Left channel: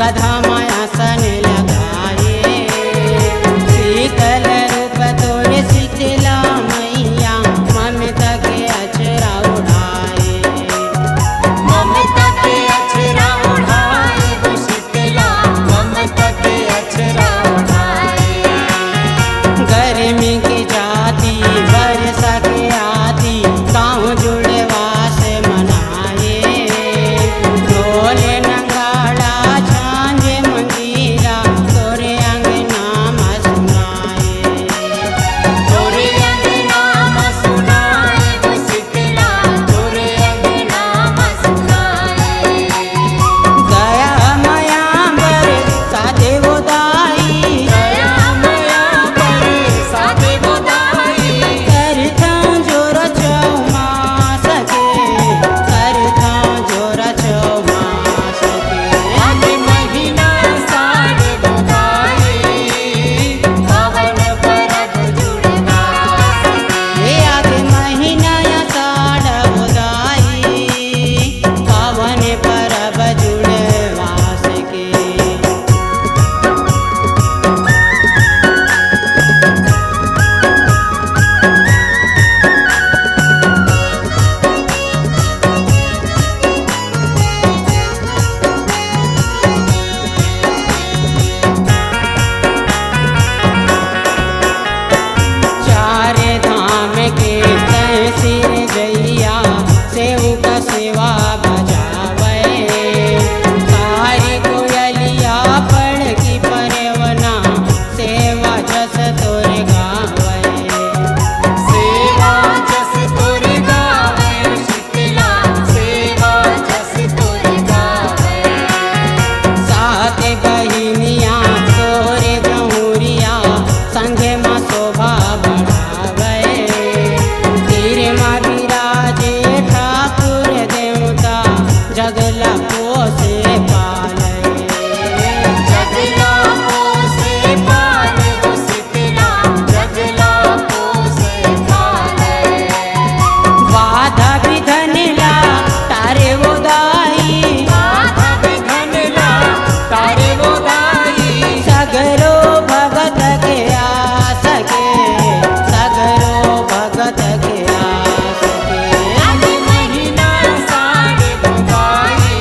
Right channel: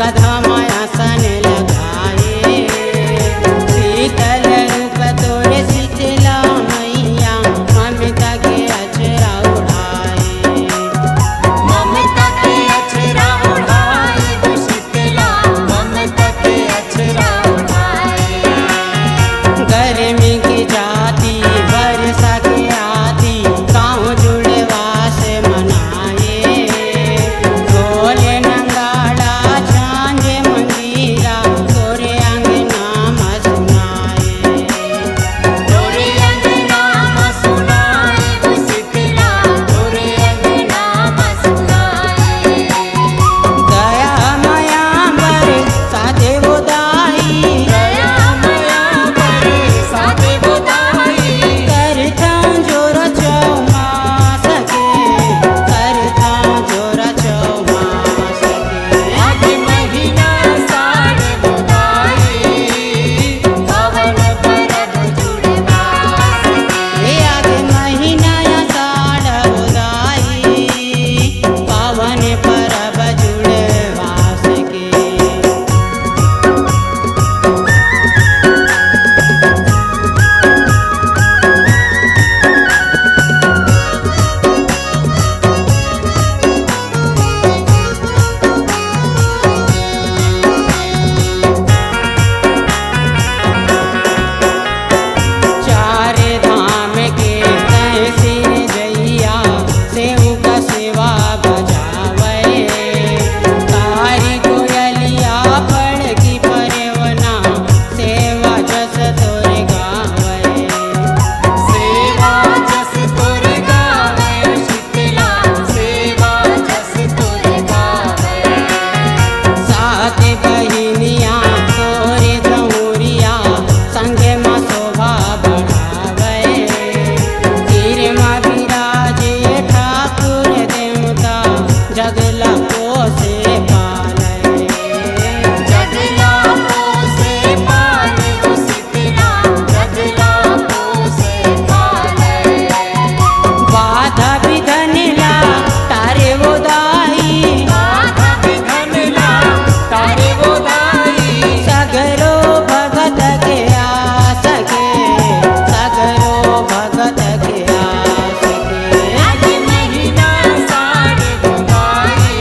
गधा मायासन लगाए। शीतल रूप तोरे शीतला मैया ममता के अचरा उड़ाए। ममता के अचरा उड़ाए वो शीतला ममता के अचरा उड़ाए। गर्मी की जाती वर्षा के आती गाँव जुड़वा से मनाए। ढोल नंगाड़ा झांझ मंजीरा तोरे अंगना में सुनाए। तोरे अंगना में सुनाए वो शीतला तोरे अंगना में सुनाए। दया माया बर सादे वो दाई। दया माया पर सादे वो दाई। करता जोर चौमास के करता जोर चौमास के। आगे महीना साढ़े बुदाई पावन परब जुड़वास हे आगे महीना या साढ़ बुदाई पावन परब जुड़वास के। चारे धाम के तहसीर जैया सेऊ का सेवा बजावे। कारी कोयलिया पड़ की परवना सेवा जस तोरे गावे। सेवा जस तोरे गावे शीतला सेवा जस तोरे गावे। सात बहिनिया तोरे जहुरिया संगे माँ शोभा बढ़ावे। तीर माँ विराजे ठाकुर देवता जगला पोसे पाले। जगला पोसे पाले वो शीतला जगला पोसे पाले। बाधा विधन ला तारे वो दाई। बाधा विघन ला तारे वो दाई। सगरो भगत के आस के सगरो भगत के आस के। आगे महीना साढ़े बुदाई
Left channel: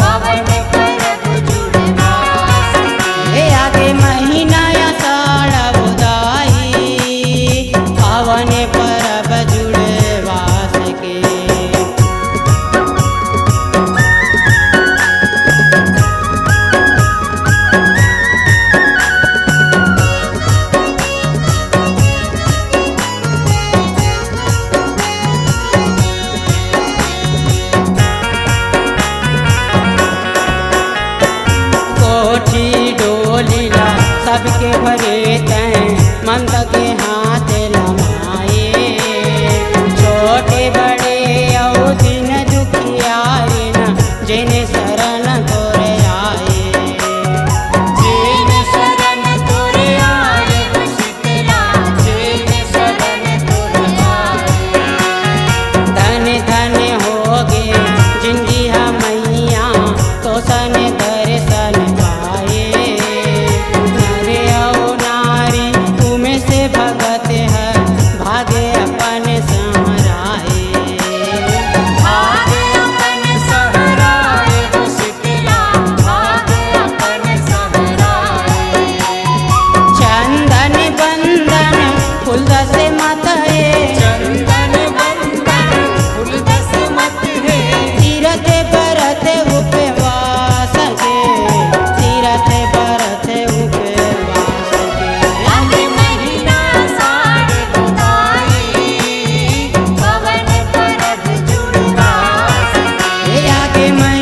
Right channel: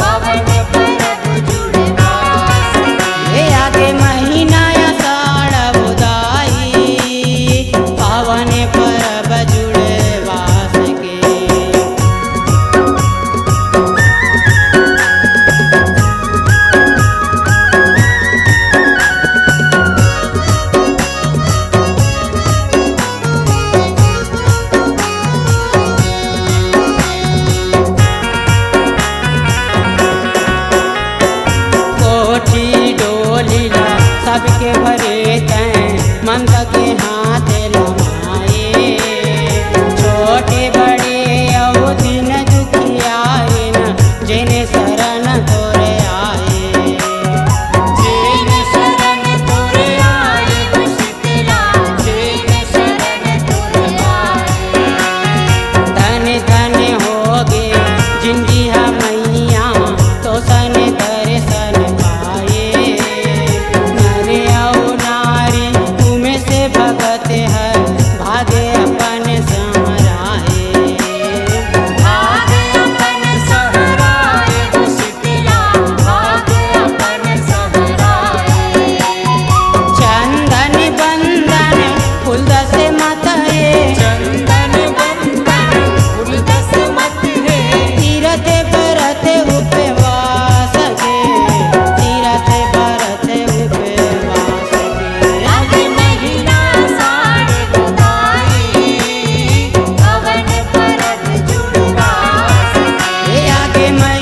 पावन परब जुड़वास हे आगे महीना या साढ़ बुदाई पावन परब जुड़वास के। कोठी डोलीला सबके भरे तैं मंद के हाथ लमाए। छोटे बड़े औ दिन दुखियारिन जिन शरण तोरे आए। जेन शरण तोरे आए वो शीतला जेन शरण तोरे आए। धन धन होगे जिंदगी मैया तो सन दर्शन पाए। नर औ नारी उमें से भगत है भागे अपन सहराए। भागे अपन सहराए वो शीतला भागे अपन सहराए। चंदन बंदन फूल दस मत है। चंदन बंदन फूल दस मत है। तीरथ बरथ उपवास के तीरथ बरथ उपवास के। आगे महीना साढ़े बुदाई पावन परब जुड़वास हे आगे मैं